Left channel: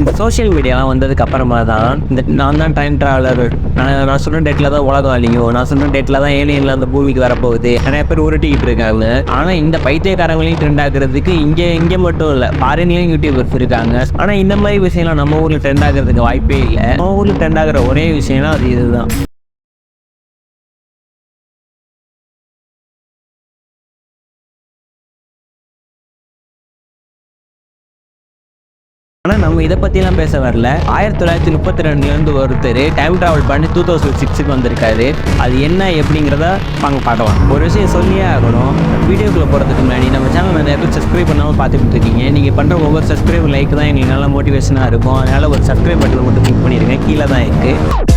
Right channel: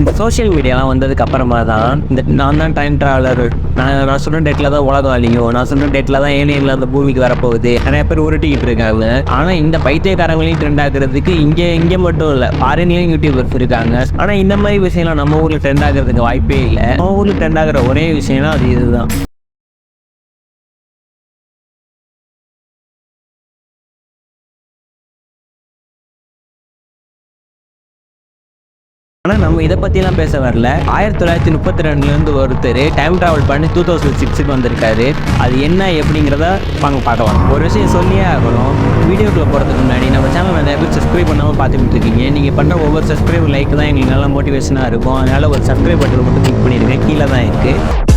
இந்த சோஷியல் மீடியாலாம் வந்ததுக்கு அப்புறமா தான் இந்த நான் தான் டைம் ட்ராவலர் நான் நான் சொல்கிற டேட்டில் தான் உலகம் அழியும். நான் சொல்கிற டேட்டில் தான் ஏலியனில் அந்த பூமிக்கு வரப்போகுது. நிறைய பேர் உருட்டிக்கிட்டு இருக்காங்க. ஆனால் இந்த பைத்தியக்காரங்களையும் ட்ரெண்ட் ஆகுறதுக்கு இங்கே இங்கே மட்டும் இல்லை ஃபாரின்லேயும் யூடியூபர்ஸ் இருக்காங்க. ஆனால் இந்த மாதிரி விஷயம்லாம் நம்ம ஊரில் ட்ரெண்ட் ஆகிறதுக்கு வாய்ப்பே இல்லை. நம்ம ஊரில் ட்ரெண்ட் ஆகிற ஒரே விஷயம்னா அது இதுதான். ஆனால் நம்ம இதை பற்றிலாம் பேச வரல. ஆயிரத்தி தொள்ளாயிரத்தி முப்பத்தி ரெண்டுலேருந்து ஒருத்தர் டைம் ட்ராவல் பண்ணி டூ தௌசண்ட் சிக்ஸுக்கு வந்திருக்காரு. அது என்ன எப்படிங்கிறத வாங்க பார்க்கலாம். ஒரு விஷயம் சொல்லியே ஆகணும். வீடியோக்குள்ளே போகிறதுக்கு முன்னாடி நம்ம சேனல் நிறைய பேர் சப்ஸ்கிரைப் பண்ணாமல் பார்த்துட்டு இருக்கீங்க. நீங்கள் பண்ணுற ஒவ்வொரு சப்ஸ்கிரைப் லைக் தான் எங்களுக்கு நல்லா மோட்டிவேஷனாக இருக்கும். அதனால் ஒரு சப்ஸ்கிரைப் பட்டன் மட்டும் கிளிக் பண்ணிடுங்க. கீழே தான் இருக்குது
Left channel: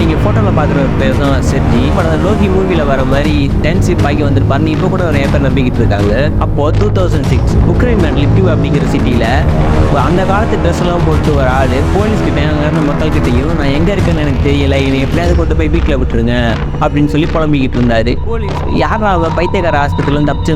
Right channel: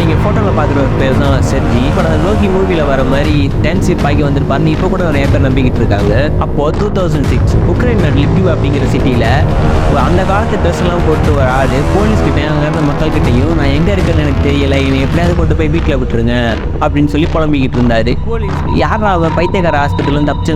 நீங்கள் ஃபோட்டோவில் பார்க்குற ஒரு பேர் தான் செர்ஜி. இப்போ அந்த லோகி மூவியில் வர மாதிரி டென்ஷிப் ஆகி வந்திருப்பாருன்னு இப்போ கூட நிறைய பேர் நம்பிக்கிட்டு இருக்காங்க. அப்போது டூ தௌசண்ட் சிக்ஸ் உக்ரைன் லிப்டிவ் அப்படிங்கிற சிட்டியில் அந்த காலத்து ட்ரெஸ் எல்லாம் போட்டு ஒரு ஆள் போலீஸ்கிட்ட அங்கே இருந்த மக்கள்கிட்டையும் நான் எங்கே இருக்கேன்னு எனக்கு தெரியல. என்னை எப்படியாவது கொண்டு போய் வீட்டில் விட்டுருங்க. அப்படின்னு சொல்லி புலம்பிக்கிட்டு இருந்தாரு. போலீஸ் யாரா அவள் பைத்தியக்கார ஆஸ்பத்திரியிலேருந்து தப்பிச்சு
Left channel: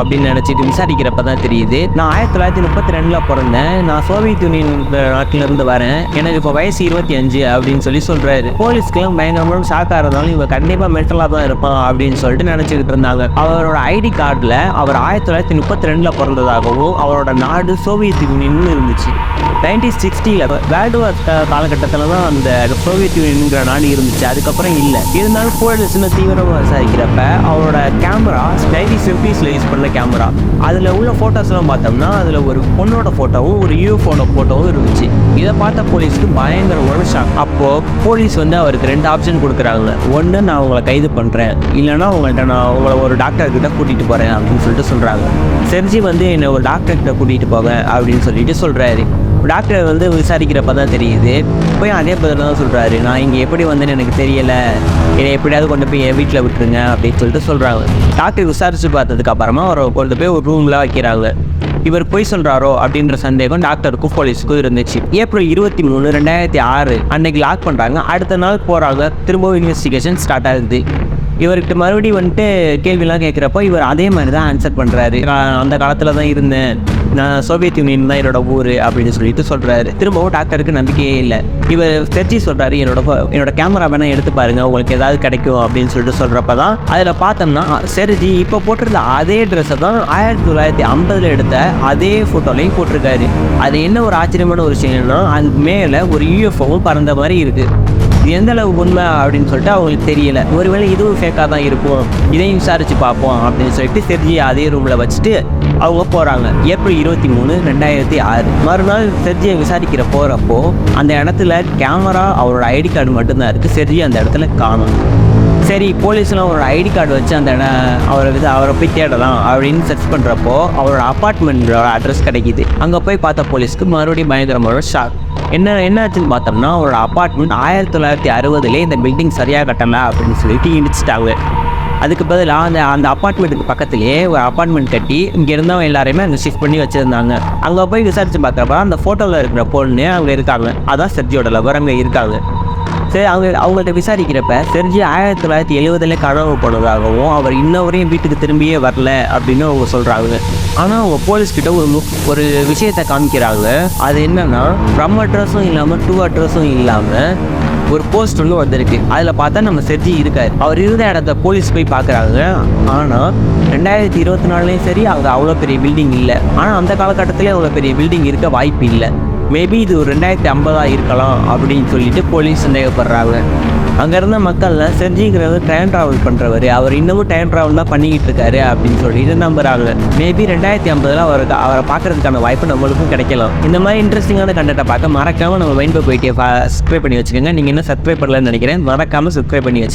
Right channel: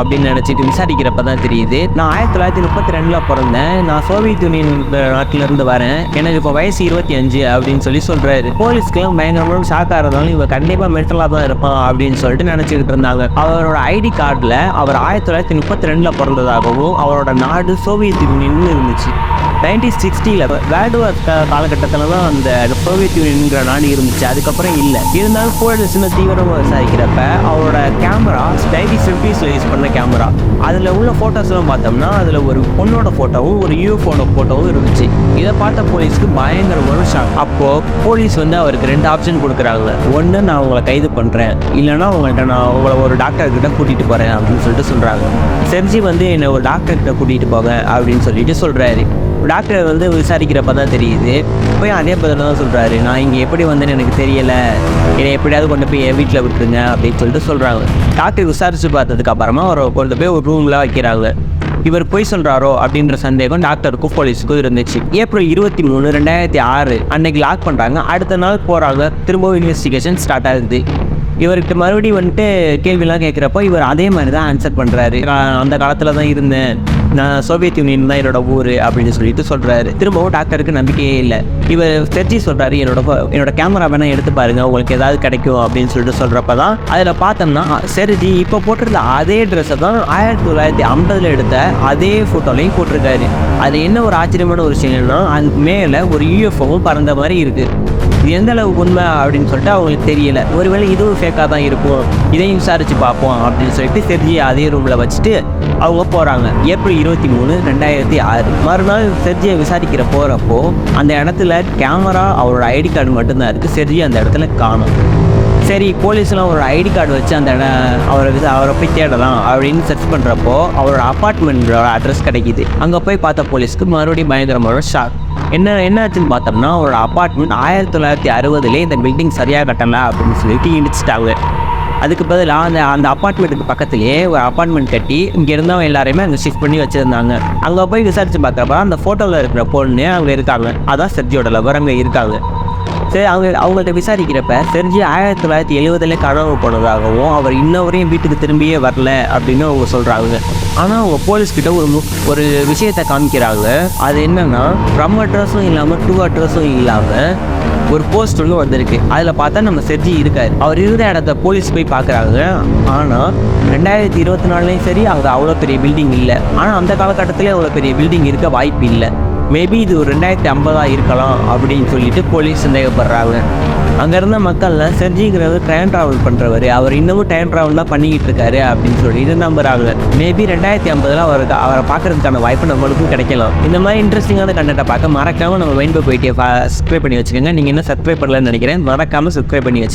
அப்படின்னு நினச்சிட்டு விசாரிக்கிறப்ப தான் தெரியுது. நான் ஆயிரத்தி தொள்ளாயிரத்தி முப்பத்தி ரெண்டில் பிறந்தேன். நான் சோவியத் யூனியன் நாட்டிலேருந்து வரேன். எனக்கு இப்போ வயசு இருபத்தி அஞ்சு அப்படின்னு சொல்லி சொல்கிறாரு போலீஸ்க்கெல்லாம் பயங்கரமாக ஷாக்காக இருந்தாலும் இவன் கண்டிப்பாக மென்டலாக தான் இருப்பான் அப்படின்னு சொல்லிட்டு நினச்சிக்கிட்டு இருந்தாங்க. அவரோட ஐடி கார்டில் அவர் ஆயிரத்தி தொள்ளாயிரத்தி முப்பத்தி ரெண்டில் பிறந்ததாகவும் அவரோட நாடு சோவியத் யூனியன் இருந்துச்சு. நைன்டீன் சிக்ஸ்டியில் வேர்ல்டு வார் காலகட்டத்தில் தான் அந்த சோவியத் யூனியன்ங்கிற நாடு இருந்துச்சு. அதுக்கப்புறம் இல்லை. இருந்தாலும் போலீஸ் சின்ன தீவிரமாக விசாரிக்கிறப்ப அவரோட கேமரா நைன்டீன் ஃபிஃப்டிஸில் யூஸ் பண்ண கேமரா. அதில் உள்ள ஃபோட்டோஸ்லாம் பார்த்தோம்னா அதில் ஒரு பொண்ணோட ஃபோட்டோவும் ஒரு யூஎஃபோட ஃபோட்டோவும் இருந்துச்சு. இதை பார்த்த போலீஸ்க்கு பயங்கர ஒரு ஷாக் அப்போது போலீஸ் வந்து அவருக்கு ரெண்டு ஆப்ஷன் கொடுக்குறாங்க. ஒன்று நான் உங்களை கைது பண்ணுறேன் இல்லைன்னா உங்கள்கிட்ட நான் உங்களை ஒரு டாக்டர் கிட்ட கூட்டிகிட்டு போகிறேன் அப்படின்னு சொல்லிட்டு சொல்கிறாங்க செர்ஜி வந்து என்னை ஒரு டாக்டர் கிட்ட கூட்டிகிட்டு போங்க அப்படின்னு சொல்லிட்டு சொல்கிறாரு டாக்டர் வந்து விசாரிக்கிறப்ப தான் தெரியுது. போய் அதே பதில் தான் சொல்கிறாரு நான் இங்கே எப்படி வந்தேன்னு எனக்கு தெரியலை. என்னை எப்படியாவது கொண்டு போய் என் வீட்டில் விட்டுருங்க அப்படின்னு சொல்லிட்டு சொல்கிறாங்க டாக்டர் விசாரித்து பார்த்ததுக்கு அப்புறமா அவரை கொண்டு போய் ஒரு ரூமில் வைக்கிறாங்க. இவர் பொய் சொல்கிறாரோ அப்படின்ற சந்தேகம் டாக்டருக்கும் போலீஸுக்கும் இருந்துச்சு. ஏப்ரல் இருபத்தி மூணு ரெண்டாயிரத்தி ஆறு அன்னைக்கு லாக் பண்ணுறாங்க அடுத்த நாள் போகிறாங்க திரும்பவும் இன்வெஸ்டிகேஷன் ஸ்டார்ட் ஆகுது. இவர்கிட்ட மறுபடியும் வந்துட்டு கேள்விலாம் கேட்குறப்போ இவர் அதே மாதிரி தான் ஆன்சர் பண்ணுறாரு நான் அந்த காலத்தில் தான் இருந்தேன். நான் சோவியத் யூனியன் தான் என்னோட ஊர் அப்படின்னு சொல்லிட்டு சொல்கிறாரு திரும்பவும் டாக்டருக்கு நம்பிக்கையே இல்லை. இவர் செர்ஜி சொல்கிறாரு என்னோட என்னோட கேமரா வேணால் எடுத்து பாருங்க உங்களுக்கு ஏதாவது கிடைக்கும் அப்படின்னு சொல்லிட்டு சொல்கிறப்ப தான் அதில் பார்த்தோம்னா செர்ஜி இப்போ போட்டிருந்த அதே ட்ரெஸ்ஸை தான் ஆயிரத்தி தொள்ளாயிரத்தி ஐம்பதில் எடுத்த அதே ஃபோட்டோலையும் போட்டிருக்காரு. அது என்ன ஒரு ஆச்சரியமான ஒரு விஷயம்னா அது மேலே ஒரு யூஎஃப்ஓவும் பறந்த மாதிரி இருக்குது இது எந்த அளவு உண்மை அப்படின்னு சொல்லிட்டு அவங்களுக்கு தெரியல. ஒருவேளை இதுவும் ஃபேக்காக தான் இருக்கும். இதையும் விசாரிச்சு பார்ப்போம் அப்படின்னு சொல்லிட்டு செர்ஜி அதே ரூமில் வச்சுட்டு அவங்க போகிறாங்க ஏப்ரல் இருபத்தி மூணு ரெண்டாயிரத்தி ஆறு. மறுநாள் செர்ஜியை விசாரிக்கிற போகிறப்போ அந்த இடத்துல கேமரா அவரோட ஐடி கார்டு மட்டும்தான் இருக்குது செர்ஜி அந்த இடத்துல காணும். சரி போலீஸ்லாம் அவரோட ஐடி கார்டு வச்சு அந்த இடம் அவரை அவரை போய் தேடலாம் அப்படின்னு சர்ச் பண்ணுறப்போ அவரோட அப்பார்ட்மெண்ட்டோட அட்ரஸ் கிடைக்கிது. அங்கே போய் பார்த்த போலீஸ்க்கு மறுபடியும் பயங்கரமான ஷாக் என்ன என்னாச்சுன்னு பார்த்தோம்னா அவரோட அப்பார்ட்மெண்ட் ஆயிரத்தி தொள்ளாயிரத்தி அறுபதுலேயே இந்த பில்டிங் சரியாக கட்டலை அப்படின்னு சொல்லிட்டு இடிச்சிட்டாங்க. அதுக்கு பதிலாக அந்த அந்த அப்பார்ட்மெண்ட்டுக்கு பக்கத்துலேயே ஒரு அப்பார்ட்மெண்ட் கட்டி இங்கே இருந்தவங்க எல்லாரையுமே அங்கே ஷிஃப்ட் பண்ணி வச்சுருந்தாங்க. அங்கே போய் விசாரித்து பார்க்குறப்ப அந்த ஃபோட்டோவில் இருக்கிற பொண்ணு அங்கே இருக்காங்க. அதான் செர்ஜியோட லவர் அங்கே இருக்காங்க. சரி அவங்க அவங்கள்ட்ட விசாரிக்கிறப்ப செர்ஜி ஆயிரத்தி தொள்ளாயிரத்தி எழுபதுல கனவு போனதாகவும் அவர் இன்ன வரையும் வீட்டுக்கு திரும்பியே வரல அப்படின்னு அவங்க சொல்கிறாங்க ஆனால் அவங்க போலீஸ்கிட்ட ஒரு மு ஒரு விஷயத்தை காமிக்கிறாங்க. அது என்னென்னா ஃப்ரம் அட்ரஸும் இல்லாமல் டூ அட்ரஸும் இல்லாமல் ஒரு போஸ்ட் ஒன்று வந்திருக்கு. அதில் பார்த்தா நம்ம செர்ஜி இருக்காரு. அவர் இருந்த இடத்த போலீஸ் போய் பார்க்குறாங்க. ஆனால் ரெண்டாயிரத்தி இருபத்தி நாலுலேயும் சரி அங்கே அவ்வளோ பெரிய பில்டிங் இல்லை. ஆனால் அந்த காலகட்டத்திலே அவ்வளோ பெரிய பில்டிங் இருக்க வாய்ப்பு இல்லை. மேபி இது ஒரு ரெண்டாயிரத்தி ஐம்பதாக இருக்கலாம் அப்படின்னு சொல்லிட்டு போலீஸ் சந்தேகப்படுறாங்க. அங்கே இருந்த மக்கள்லாம் செர்ஜிங்கிறவர் டைம் ட்ராவல் பண்ணுறவர் அவர் இன்னமும் டைம் ட்ராவல் தான் பண்ணிக்கிட்டு இருக்காரு அப்படின்னு சொல்லிட்டு நம்புறாங்க. மேபி ரெண்டாயிரத்தி ஐம்பதில் அவருக்கு அவரை பார்க்கறதுக்கான வாய்ப்பு நம்மளுக்கும் கிடைக்கலாம் இந்த மாதிரி இன்ட்ரெஸ்டிங்கான கண்டென்ட்டை பார்க்க மறக்காமல் நம்ம மைண்ட் போயிட்டே சப்ஸ்கிரைப் பண்ணி வச்சுக்கோங்க. நீங்கள் என்ன சப்ஸ்கிரைப் பண்ணலன்னு நினைக்கிறேன். மறக்காமல் சப்ஸ்கிரைப் பண்ணி வச்சுக்கோங்க.